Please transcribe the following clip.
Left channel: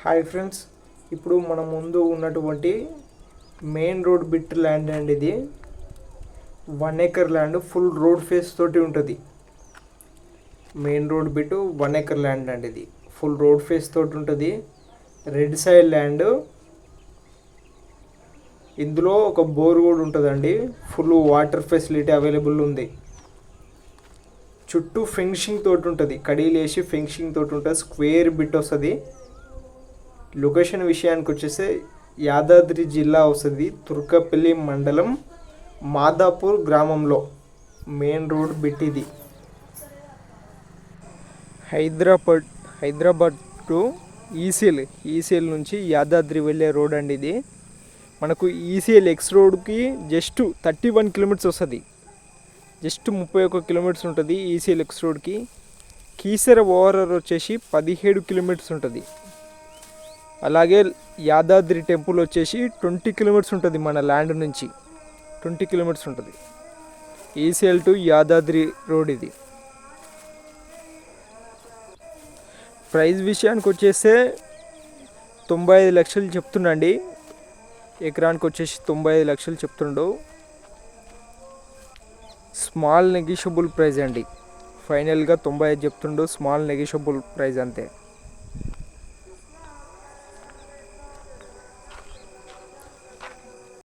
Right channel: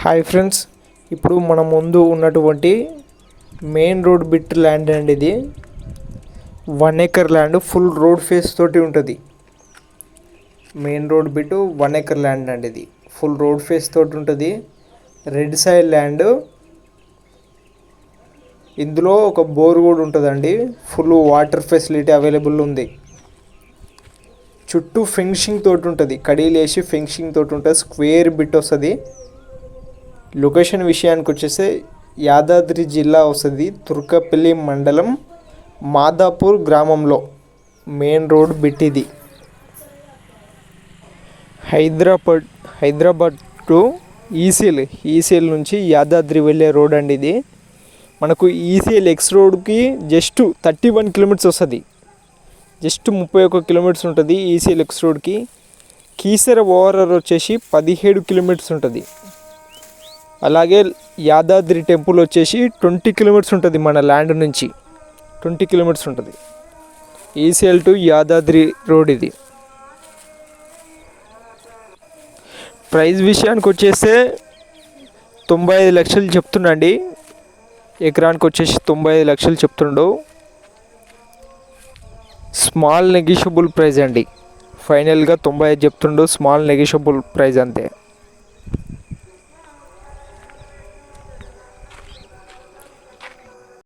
Hi friends, ఇప్పుడు మన ముందు ఉన్నటువంటి మెయిన్ రోడ్ బిట్ ల్యాండ్ అండి. ఇది 1 acre land, full road face తోటి ఉంటుంది. Main road bit 1 acre land అండి. ఇది ఫుల్ రోడ్ ఫేస్ తోటి ఉంటుంది. Red side land. ఇందులో ఒక బోర్ కూడా ఉంటుందండి. ఫుల్ వాటర్ ఫెసిలిటీ అవైలబుల్ ఉంది. చుట్టూ ఫెన్సింగ్ తోటి ఉంటుంది. కడీలు వేసి ఫెన్సింగ్ తోటి ఉంటుంది. స్క్వేర్ బిట్ వస్తుంది. లొకేషన్ విషయానికి వచ్చేసి యాదాద్రి జిల్లా వస్తుంది. తుర్కపల్లి మండలం మాదాపూర్ గ్రామంలో మెయిన్ రోడ్ బిట్ ఇది. హైదరాబాద్ టు ఈసీఎల్ నుంచి యాదాద్రి వెళ్ళే రోడ్ అండి ఇది. మనకు ఈసీఎల్ ఎక్స్ రోడ్కి జస్ట్ 31 కిలోమీటర్స్ వస్తుంది. జస్ట్ 31 కిలోమీటర్స్ ఉంటుంది ఈసీఎల్ ఎక్స్ రోడ్కి. కీసర ఓవరాల్ వచ్చేసి 17 కిలోమీటర్స్ ఉంటుంది. అలాగే యాదాద్రి టెంపుల్ వచ్చేసి 20 కిలోమీటర్స్ ఉంటుంది. మన ల్యాండ్ నుంచి 20 కిలోమీటర్స్ ఉంటుంది. ఈసీఎల్ టు యాదాద్రి రోడ్ ఇది. ప్రైస్ విషయానికి వచ్చేస్తే 95 లక్షలు చెప్తుండండి. ఎకరానికి వచ్చేసి 95 లక్షలు చెప్తుండవు. స్మాల్ నెగిషియబుల్ ప్రైస్ అండి. ఫైనల్గా 95 చెప్తుండవు. స్మాల్ నెగిషియబుల్ ప్రైస్ అంతే.